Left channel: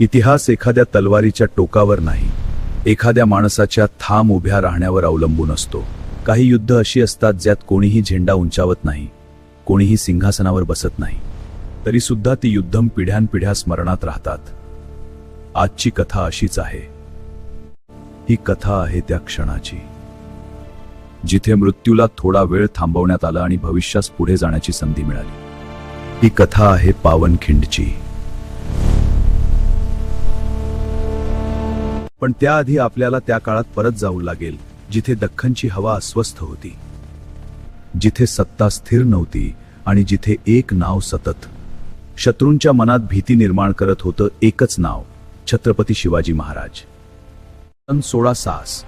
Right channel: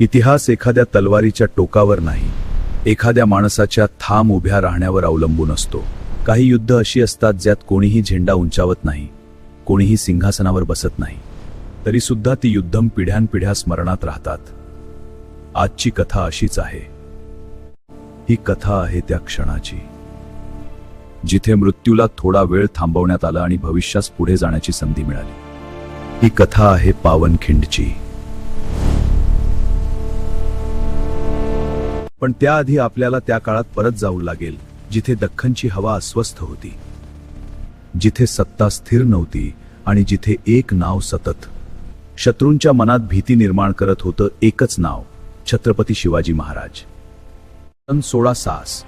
इतिहास एखाद्या तलवारीच्या टोकावर नाही, एखाद्या माणसाच्या ठाम उभ्या राहण्यावर अवलंबून असतो. काही युद्ध अशी असतात ज्यात कोणीही झेंडा उंचावत नाही, कोणीही सिंहासनावर बसत नाही, तरी सुद्धा ती युद्धम पिढ्यानपिढ्या स्मरणात राहतात. आजची कथा अशीच आहे. ही कथा आहे त्या क्षणाची, जिथे मृत्यूला थोडा वेळ थांबवण्यात आला आणि भविष्यास पुढे जाण्याची संधी मिळाली. ही कथा आहे पावनखिंडची. पण त्याआधी आपल्याला त्या काळात परत जाऊ लागेल, जिथे दख्खनची हवा अस्वस्थ होती, जिथे सत्ता स्थिर नव्हती आणि जिथे एक नाव सतत शत्रूंच्या मनात भीती निर्माण करत होतं. एकच नाव, छत्रपती शिवाजी महाराज. सन 1660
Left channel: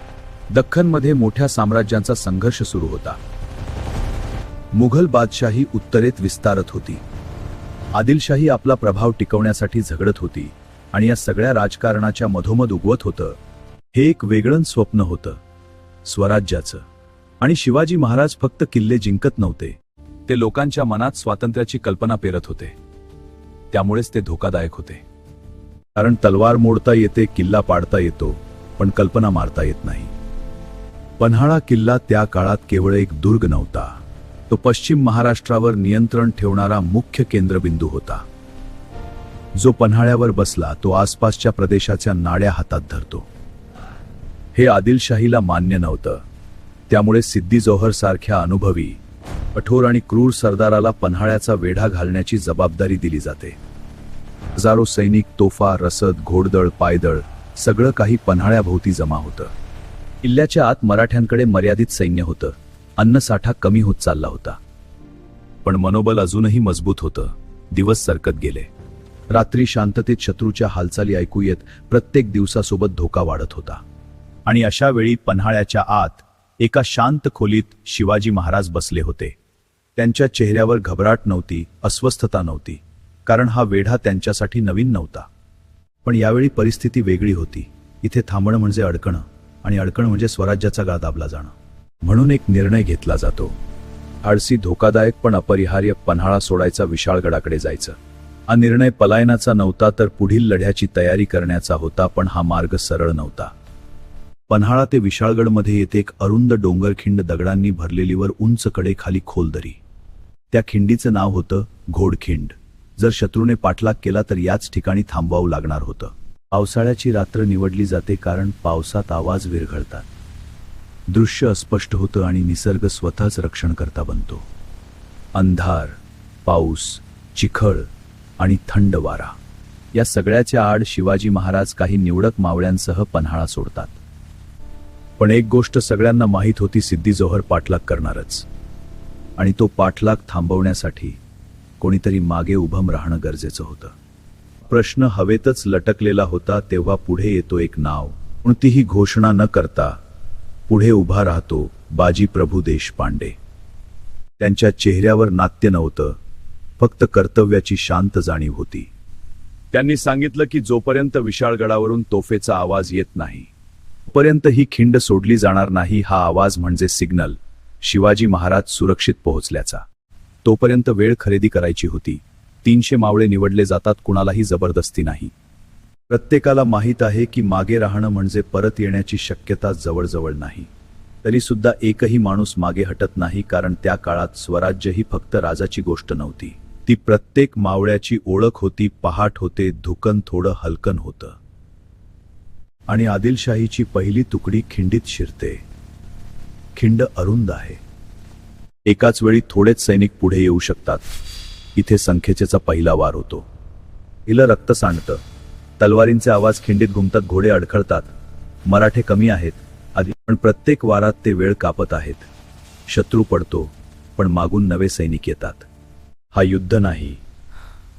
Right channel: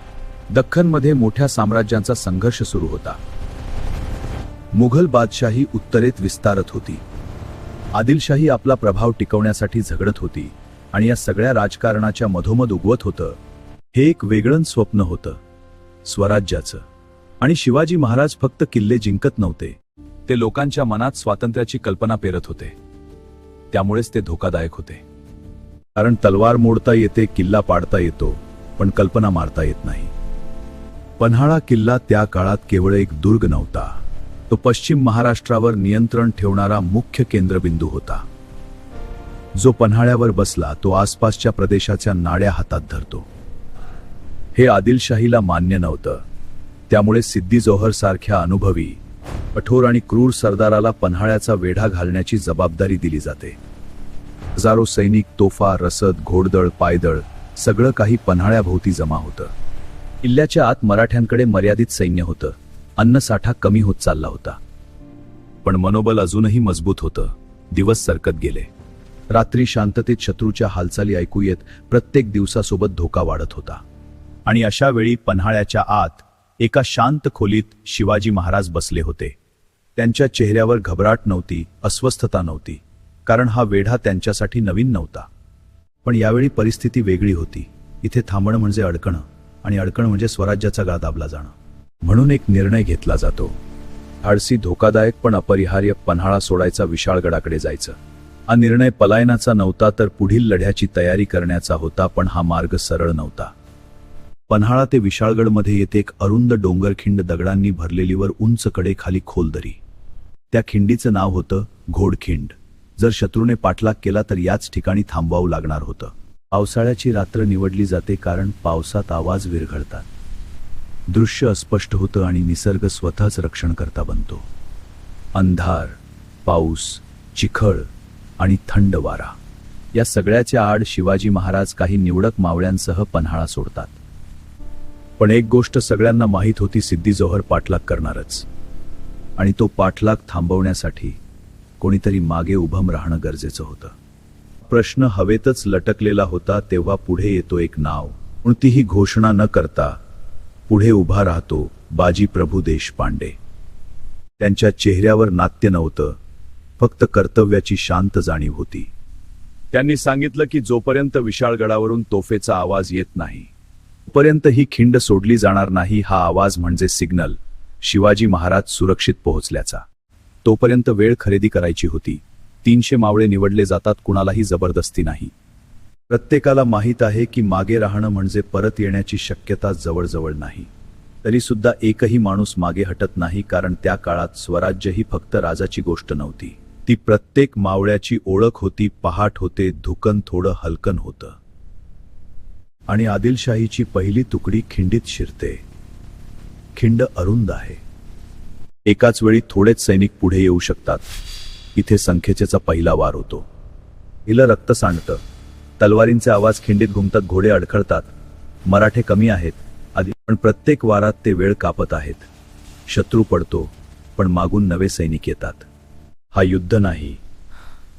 दख्खनमध्ये मोठ्या साम्राज्यांचा संघर्ष सुरू होता. मुघल बादशाही उत्तरेत विस्तारत होती, आदिलशाही आपला प्रभाव टिकवण्यासाठी झगडत होती आणि या सगळ्या राजकारणाच्या मधोमध उगवत होतं एक वेगळं स्वप्न होतं, स्वराज्याचं. आणि शिवाजी महाराज फक्त किल्ले जिंकत नव्हते, ते लोकांच्या मनात स्वातंत्र्याची कल्पना पेरत होते. त्यामुळेच ते धोकादायक होते. कारण तलवार मोडता येते, किल्ला पाडता येतो, पण कल्पना मारता येत नाही. पन्हाळा किल्ला त्या काळात केवळ एक दुर्ग नव्हता, तो पश्चिम महाराष्ट्रावर नियंत्रण ठेवणारा मुख्य केंद्रबिंदू होता. जो पन्हाळ्यावर बसला तो आसपासच्या प्रदेशाच्या नाड्या हातात धरतो. हे आदिलशाहीला मान्य नव्हतं. त्यामुळे सिद्दी जोहर सारख्या अनुभवी, कठोर आणि क्रूर सरदाराला पन्हाळ्याचा वेढा घालण्याची जबाबदारी दिली जाते. हजारो सैनिक, तोफा, रसद, घोडदळ, पायदळ सगळं काही पन्हाळ्याभोवती जमा होतं. किल्ल्याच्या आत मराठ्यांकडे मर्यादित सैन्य होतं, अन्नसाठा कमी होत चालला होता. पण मनोबल अजूनही मजबूत होतं. दिवस सरकत गेले. रात्री शांततेत शत्रूच्या हालचाली ऐकू येत, प्रत्येक दिवसासोबत धोका वाढत होता. आणि अशा वेळी पन्हाळ्याच्या आत एका शांत खोलीत शिवाजी महाराज बसले होते. त्यांच्या चेहऱ्यावर घबराट नव्हती, अस्वस्थता नव्हती, कारण हा वेढा त्यांच्यासाठी नवीन नव्हता. पण यावेळी परिस्थिती वेगळी होती. इथे थांबणं म्हणजे अडकणं, आणि अडकणं म्हणजे स्वराज्याचा गळा दाबला जाणं. म्हणून एक निर्णय घेतला जातो. धाडसी, धोकादायक पण अपरिहार्य. पन्हाळा सोडायचा, विशाळगडाकडे जायचं. हा निर्णय पलायनाचा नव्हता, तर पुढील लढ्याची तयारी करण्याचा होता. पण हा मार्ग सरळ नव्हता. पन्हाळा ते विशाळगडमध्ये येथे एक अरुंद डोंगरखिंड, दगडांनी भरलेली, वर उंच कडे, खाली खोल दरी. त्या खिंडीचं नाव होतं घोडखिंड. जर शत्रूने पाठलाग केला तर याच ठिकाणी थांबवावं लागणार होतं. पावसाळ्याची रात्र निवडली जाते, कारण पावसात आवाज विरघळतात, दृश्य अस्पष्ट होतं आणि निसर्ग स्वतःच रक्षणकर्ता बनतो. अंधार, पाऊस, चिखळ आणि थंड वारा, या सगळ्याच्या आड शिवाजी महाराज काही निवडक मावळ्यांसह पन्हाळा सोडतात. पण एक गोष्ट सगळ्यांना माहीत होती, सिद्दी जोहर पाठलाग करणारच. आणि तो पाठलाग थांबवण्यासाठी कोणीतरी मागे उभं राहणं गरजेचं होतं. प्रश्न हवेतच लटकलेला होता. तेव्हा पुढे येतो एक नाव. कोणतीही घोषणा न करता पुढे उभा राहतो बाजी प्रभू देशपांडे. त्यांच्या चेहऱ्यावर नाट्य नव्हतं, फक्त कर्तव्याची शांत जाणीव होती. त्यांनी सांगितलं की जोपर्यंत विशाळगडावरून तोफेचा आवाज येत नाही, तोपर्यंत ही खिंड सोडली जाणार नाही. हा आवाज म्हणजे सिग्नल, शिवाजी महाराज सुरक्षित पोहोचल्याचा. तोपर्यंत वेळ खरेदी करायची होती. 300 मावळे निवडले जातात, कुणालाही जबरदस्ती नाही. प्रत्येकाला माहीत आहे की मागे राहणं म्हणजे परत येण्याची शक्यता जवळजवळ नाही. तरी सुद्धा एकही माणूस मागे हटत नाही, कारण त्या काळात स्वराज्य ही फक्त राजाची गोष्ट नव्हती. ती प्रत्येक मावळ्याची ओळख होती. पहाट होते, धुकन थोडं हलकन होतं, आणि आदिलशाहीची पहिली तुकडी खिंडीत शिरते. खिंड अरुंद आहे. एकाच वेळी थोडेच सैनिक पुढे येऊ शकतात. इथे संख्येचा पहिला वार होतो. हिला रक्त सांडतं, तलवारींचे आवाज खिंडीत घुमतात, घोडे अडखळतात. मराठे कमी आहेत आधी, पण प्रत्येक वारात ते वेळ कापत आहेत. शत्रू पडतो, पण मागून नवे सैनिक येतात. हा युद्ध नाही,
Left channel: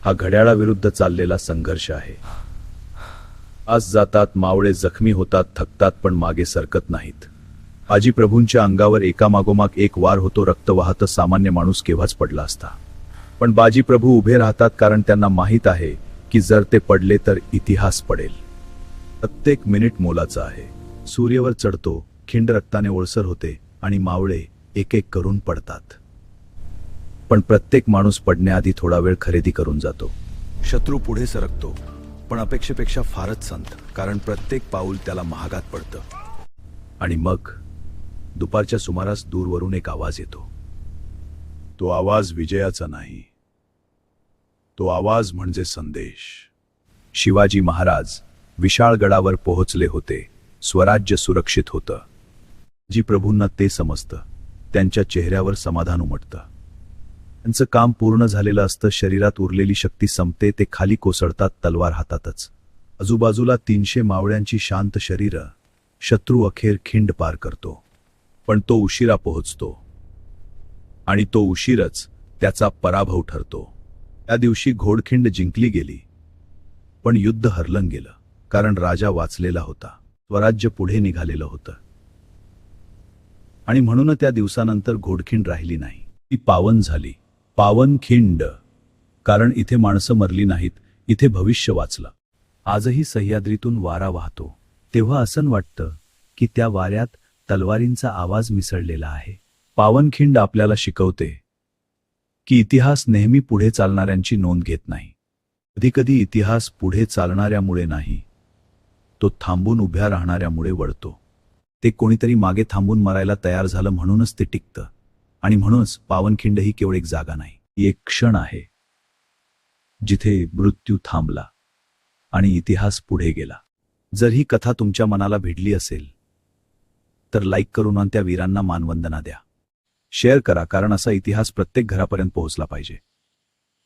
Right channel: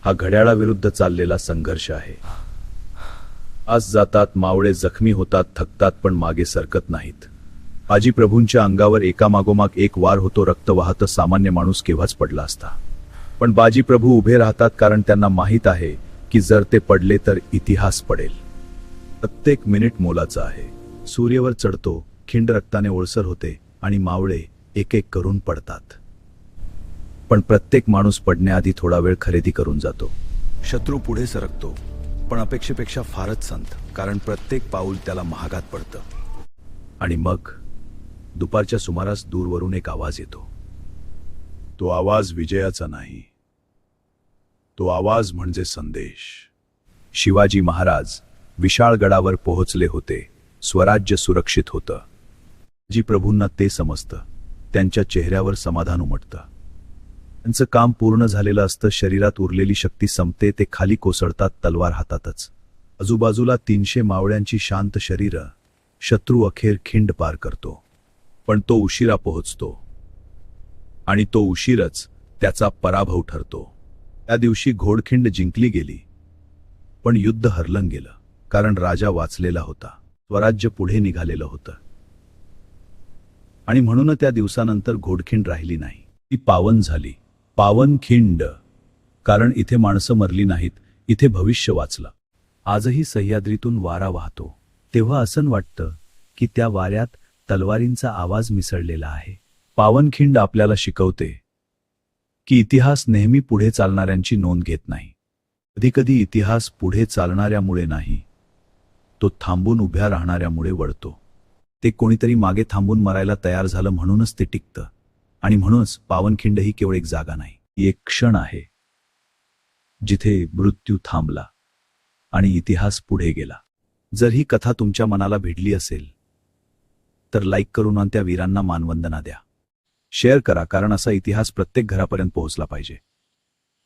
हा घड्याळाविरुद्ध चाललेला संघर्ष आहे. आज जातात, मावळे जखमी होतात, थकतात, पण मागे सरकत नाहीत. बाजी प्रभूंच्या अंगावर एकामागोमाग एक वार होतो. रक्त वाहतं. सामान्य माणूस केव्हाच पडला असता, पण बाजी प्रभू उभे राहतात, कारण त्यांना माहीत आहे की जर ते पडले तर इतिहास पडेल. प्रत्येक मिनिट मोलाचा आहे. सूर्यवर चढतो, खिंड रक्ताने ओळसर होते आणि मावळे एक एक करून पडतात. पण प्रत्येक माणूस पडण्याआधी थोडा वेळ खरेदी करून जातो. शत्रू पुढे सरकतो, पण अपेक्षेपेक्षा फारच संथ, कारण प्रत्येक पाऊल त्याला महागात पडतं. आणि मग दुपारच्या सुमारास दूरवरून एक आवाज येतो. तो आवाज विजयाचा नाही, तो आवाज म्हणजे संदेश. शिवाजी महाराज विशाळ गडावर पोहोचले होते. स्वराज्य सुरक्षित होतं. जी प्रभूंना ते समजतं. त्यांच्या चेहऱ्यावर समाधान उमटतं. त्यांचं काम पूर्ण झालेलं असतं. शरीरात उरलेली शक्ती संपते. ते खाली कोसळतात, तलवार हातातच. आजूबाजूला 300 मावळ्यांची शांत शरीरं. शत्रू अखेर खिंड पार करतो. पण तो उशिरा पोहोचतो. आणि तो उशीरच त्याचा पराभव ठरतो. त्या दिवशी घोडखिंड जिंकली गेली, पण युद्ध हरलं गेलं. कारण राजा वाचलेला होता. स्वराज्य पुढे निघालेलं होतं. आणि म्हणून त्या दिवसानंतर घोडखिंड राहिली नाही. ती पावन झाली. पावनखिंड. कारण इथे माणसं मरली नाहीत, इथे भविष्य वाचलं. आजही सह्याद्रीतून वारा वाहतो, तेव्हा असं वाटतं की त्या वाऱ्यात तलवारींचा आवाज मिसळलेला आहे. पावनखिंड आपल्याला शिकवते की इतिहास नेहमी पुढे चालणाऱ्यांची नोंद घेत नाही. कधीकधी इतिहास पुढे चालणाऱ्यामुळे नाही, तो थांबून उभ्या राहणाऱ्यामुळे वळतो. ते कोणीतरी मागे थांबून मरायला तयार झालं म्हणूनच ते टिकतं. आणि म्हणूनच पावनखिंड ही केवळ एक जागा नाही, ही एक क्षण आहे जिथे मृत्यू थांबला आणि इतिहास पुढे गेला. जर ही कथा तुमच्या मनाला भिडली असेल तर लाईक करून आणि त्या वीरांना मानवंदना द्या. शेअर करा, कारण असा इतिहास प्रत्येक घरापर्यंत पोहोचला पाहिजे.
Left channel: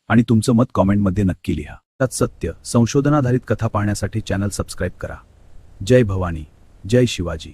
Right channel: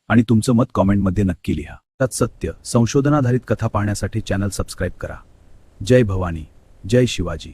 आणि तुमचं मत कॉमेंटमध्ये नक्की लिहा. त्यात सत्य संशोधनाधारित कथा पाहण्यासाठी चॅनल सबस्क्राईब करा. जय भवानी, जय शिवाजी.